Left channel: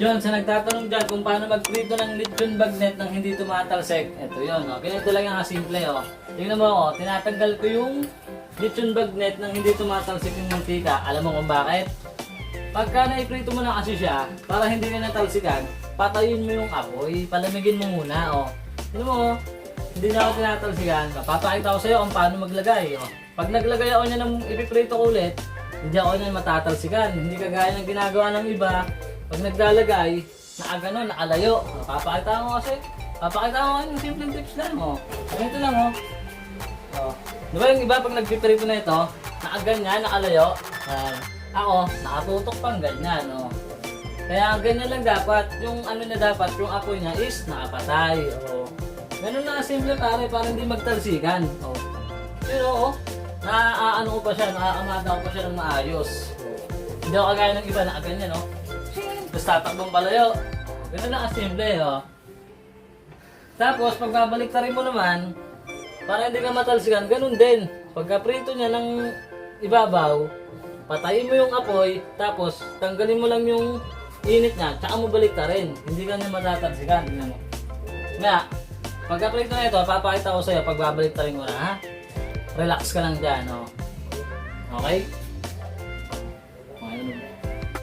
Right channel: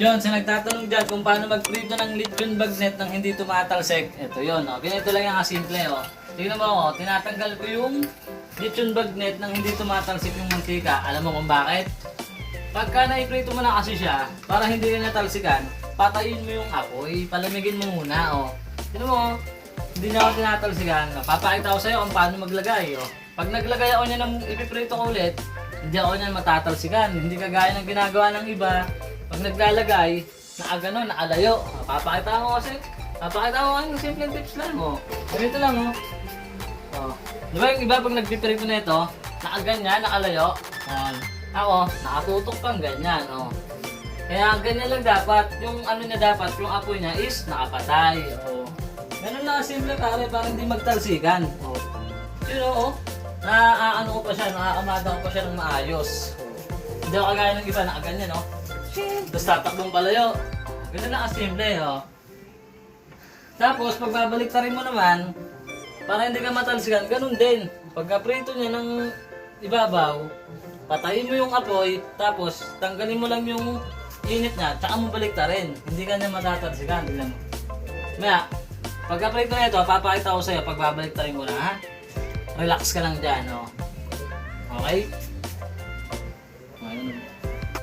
Yun, sa nagtatanong dyan kung paano magprito ng lechon bagnet nang hindi tumatalsik. Ito yun, oh. Ganito lang yung kasimple, oh. Tingnan mo, oh. Tinatanggal ko yung lechon bagnet nang hindi tumatalsik yung mantika. Alam mo kung bakit? Pagka naiprito mo na kasi siya, para hindi ka natalsikan, patayin mo yung apoy, palamigin mo muna, oh. Tingnan mo, oh. Hindi na ako tinatalsikan. Papakita ko sa'yo kung paano maglagay, oh. Pag naglagay ako niya ng ipiprito ko ulit, hindi ako niyan matatalsikan. Hindi kagaya ng ginagawa ng iba. Pag naglalagay, nakagano, nakalayo. Papakita ko kasi ng simpleng tips lang mo. Ganito lang, oh. Oh. Di ba yung iba pag nagpiprito na ito, nakaganyan, nakalayo. Ako, nakatutok pang ganyan, oh. Kaya ganyan lang dapat. Yung ano na dapat, yung apoy niya is nakapatay. Oh. Ganun na simple pare, para hindi magtalsikan. Oh. Yun, oh. Naaano ko pa siya, naaamada ko pa siya ng maayos. Oh. Hindi ako kagaya ng iba, nakaganyan, oh. Tapos tatakbong palayo. Ganun na kasimple, oh. Tapos, pag babaliktarin mo naman, para hindi ka matalsikan, ganun din. Pagka prito niya ng ibabaw, patayin mo yung apoy, tapos tanggalin mo lang yung init niya, tsaka mo baliktarin. Hindi ka niya matatalsikan, tingnan mo. Kaya, pagka prito na ito, papakita ko sa'yo, pag babaliktarin mo na, ha? Relax ka lang dyan, oh. Okay?